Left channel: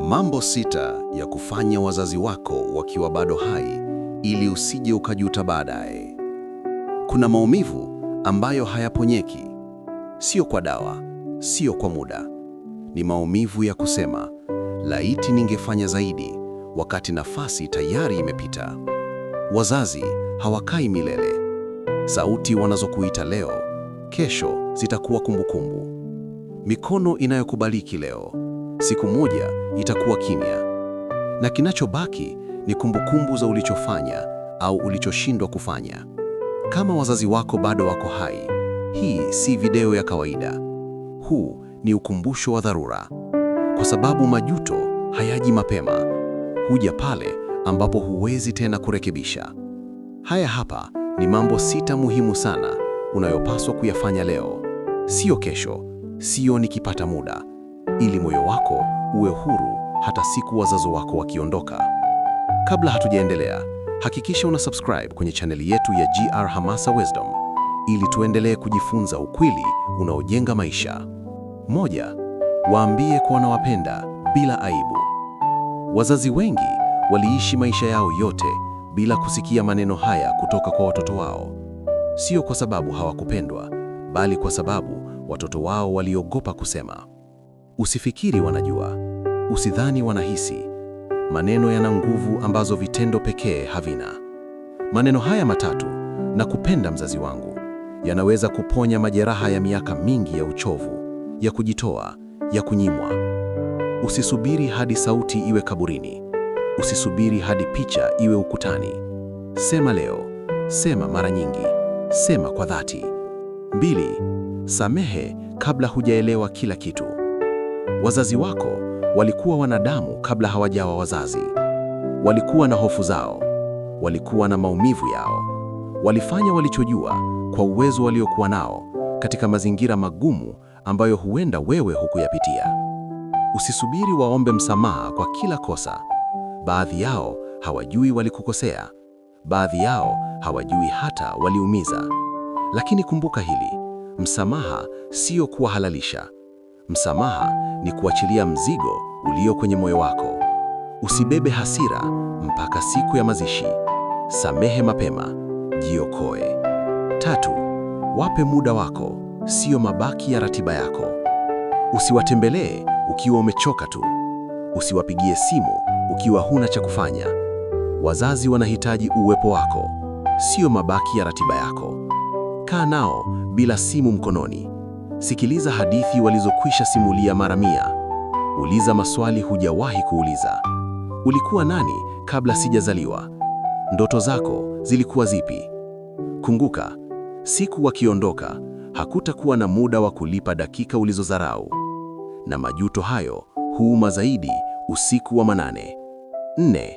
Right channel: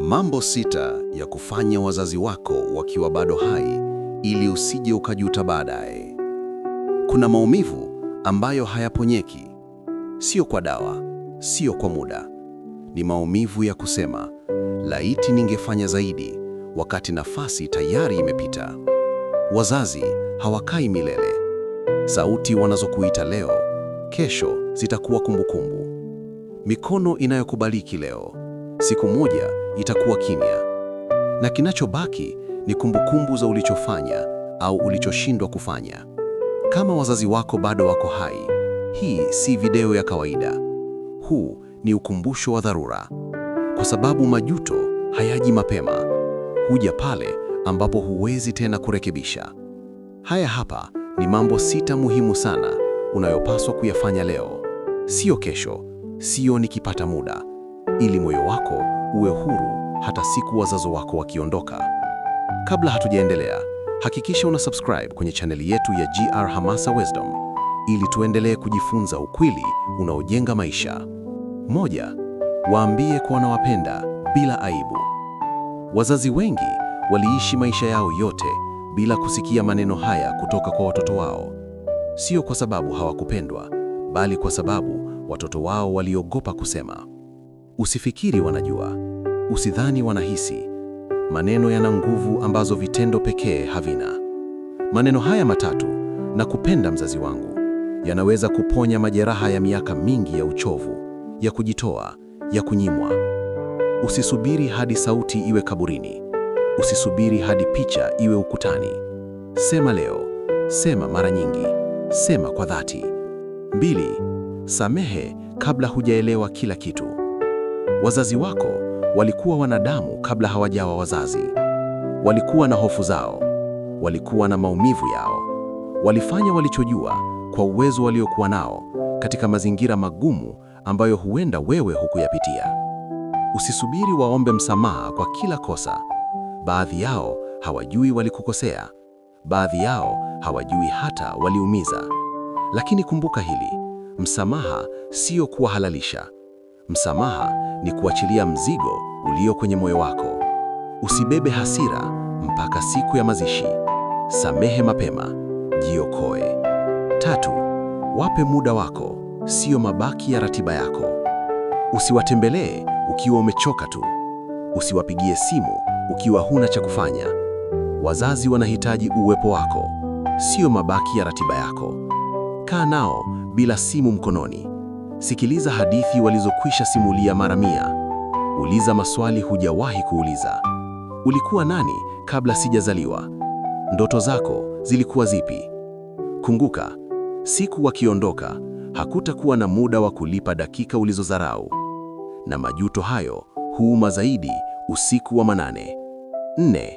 Mambo sita ya kufanya wazazi wako wakiwa bado hai ili usije ukajuta baadaye. Kuna maumivu ambayo hayaponyeki, sio kwa dawa, sio kwa muda. Ni maumivu ya kusema, laiti ningefanya zaidi, wakati nafasi tayari imepita. Wazazi hawakai milele. Sauti wanazokuita leo, kesho zitakuwa kumbukumbu. Mikono inayokubariki leo, siku moja itakuwa kimya. Na kinachobaki ni kumbukumbu za ulichofanya au ulichoshindwa kufanya. Kama wazazi wako bado wako hai, hii si video ya kawaida. Huu ni ukumbusho wa dharura. Kwa sababu majuto hayaji mapema. Huja pale ambapo huwezi tena kurekebisha. Haya hapa ni mambo sita muhimu sana unayopaswa kuyafanya leo. Sio kesho, sio nikipata muda. Ili moyo wako uwe huru hata siku wazazi wako wakiondoka. Kabla hatujaendelea, hakikisha una subscribe kwenye chaneli yetu ya GR Hamasa Wisdom ili tuendelee kujifunza ukweli unaojenga maisha. Moja, waambie kwa wanawapenda bila aibu. Wazazi wengi waliishi maisha yao yote bila kusikia maneno haya kutoka kwa watoto wao. Sio kwa sababu hawakupendwa, bali kwa sababu watoto wao waliogopa kusema. Usifikiri wanajua, usidhani wanahisi. Maneno yana nguvu ambazo vitendo pekee havina. Maneno haya matatu, nakupenda mzazi wangu, yanaweza kuponya majeraha ya miaka mingi ya uchovu, ya kujitoa, ya kunyimwa. Usisubiri hadi sauti iwe kaburini. Usisubiri hadi picha iwe ukutani. Sema leo, sema mara nyingi, sema kwa dhati. 2, samehe kabla hujaelewa kila kitu. Wazazi wako walikuwa wanadamu kabla hawajawa wazazi. Walikuwa na hofu zao, walikuwa na maumivu yao. Walifanya walichojua kwa uwezo waliokuwa nao katika mazingira magumu ambayo huenda wewe hukuyapitia. Usisubiri waombe msamaha kwa kila kosa. Baadhi yao hawajui walikukosea. Baadhi yao hawajui hata waliumiza. Lakini kumbuka hili, msamaha sio kuwahalalisha. Msamaha ni kuachilia mzigo ulio kwenye moyo wako. Usibebe hasira mpaka siku ya mazishi. Samehe mapema, jiokoe. 3, wape muda wako, sio mabaki ya ratiba yako. Usiwatembelee ukiwa umechoka tu. Usiwapigie simu ukiwa huna cha kufanya. Wazazi wanahitaji uwepo wako, sio mabaki ya ratiba yako. Kaa nao bila simu mkononi. Sikiliza hadithi walizokwisha simulia mara 100. Uliza maswali hujawahi kuuliza. Ulikuwa nani kabla sijazaliwa? Ndoto zako zilikuwa zipi? Kumbuka, siku wakiondoka, hakutakuwa na muda wa kulipa dakika ulizodharau. Na majuto hayo huuma zaidi usiku wa manane. 4,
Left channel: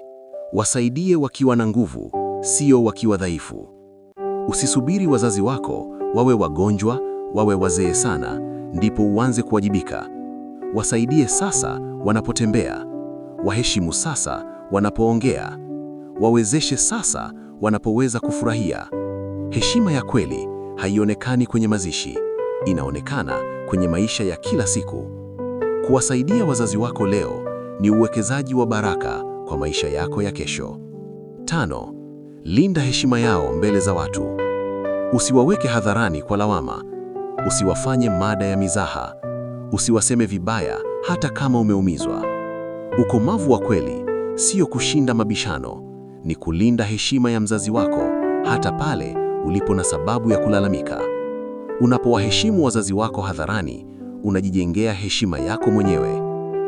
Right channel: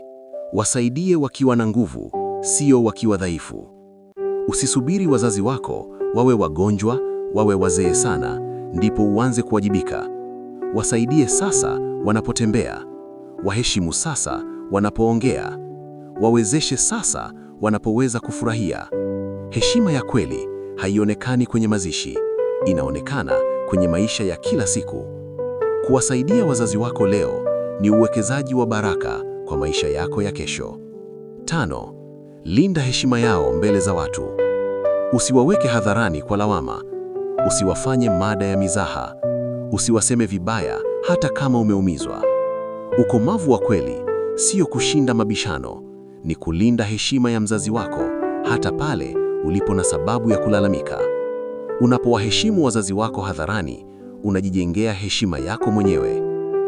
wasaidie wakiwa na nguvu, sio wakiwa dhaifu. Usisubiri wazazi wako wawe wagonjwa, wawe wazee sana, ndipo uanze kuwajibika. Wasaidie sasa wanapotembea. Waheshimu sasa wanapoongea. Wawezeshe sasa wanapoweza kufurahia. Heshima ya kweli haionekani kwenye mazishi, inaonekana kwenye maisha ya kila siku. Kuwasaidia wazazi wako leo ni uwekezaji wa baraka kwa maisha yako ya kesho. 5, linda heshima yao mbele za watu. Usiwaweke hadharani kwa lawama. Usiwafanye mada ya mizaha. Usiwaseme vibaya hata kama umeumizwa. Ukomavu wa kweli sio kushinda mabishano, ni kulinda heshima ya mzazi wako hata pale ulipo na sababu ya kulalamika. Unapowaheshimu wazazi wako hadharani, unajijengea heshima yako mwenyewe,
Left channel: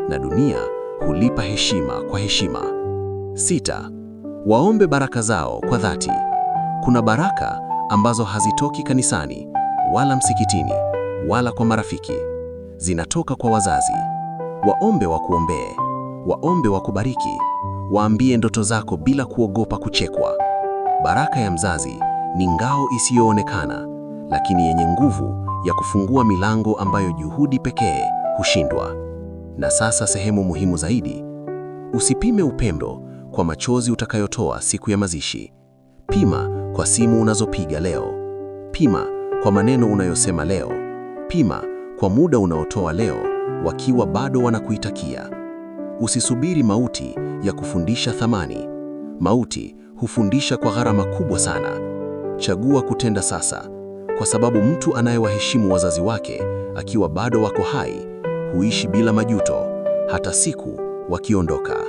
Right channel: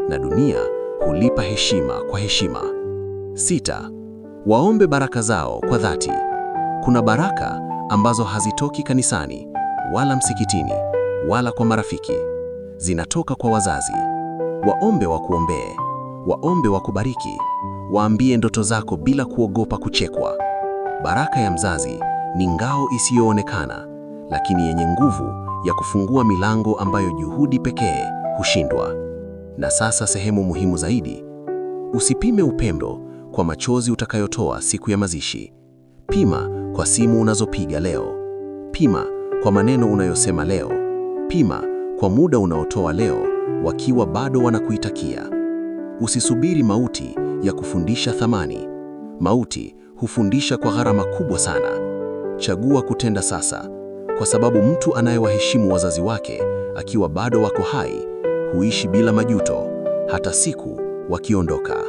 na dunia hulipa heshima kwa heshima. 6, waombe baraka zao kwa dhati. Kuna baraka ambazo hazitoki kanisani, wala msikitini, wala kwa marafiki. Zinatoka kwa wazazi. Waombe wakuombee, waombe wakubariki, waambie ndoto zako bila kuogopa kuchekwa. Baraka ya mzazi ni ngao isiyoonekana, lakini yenye nguvu ya kufungua milango ambayo juhudi pekee hushindwa. Na sasa sehemu muhimu zaidi, usipime upendo kwa machozi utakayotoa siku ya mazishi. Pima kwa simu unazopiga leo. Pima kwa maneno unayosema leo. Pima kwa muda unaotoa leo wakiwa bado wanakuitakia. Usisubiri mauti ya kufundisha thamani. Mauti hufundisha kwa gharama kubwa sana. Chagua kutenda sasa, kwa sababu mtu anayewaheshimu wazazi wake akiwa bado wako hai huishi bila majuto, hata siku wakiondoka.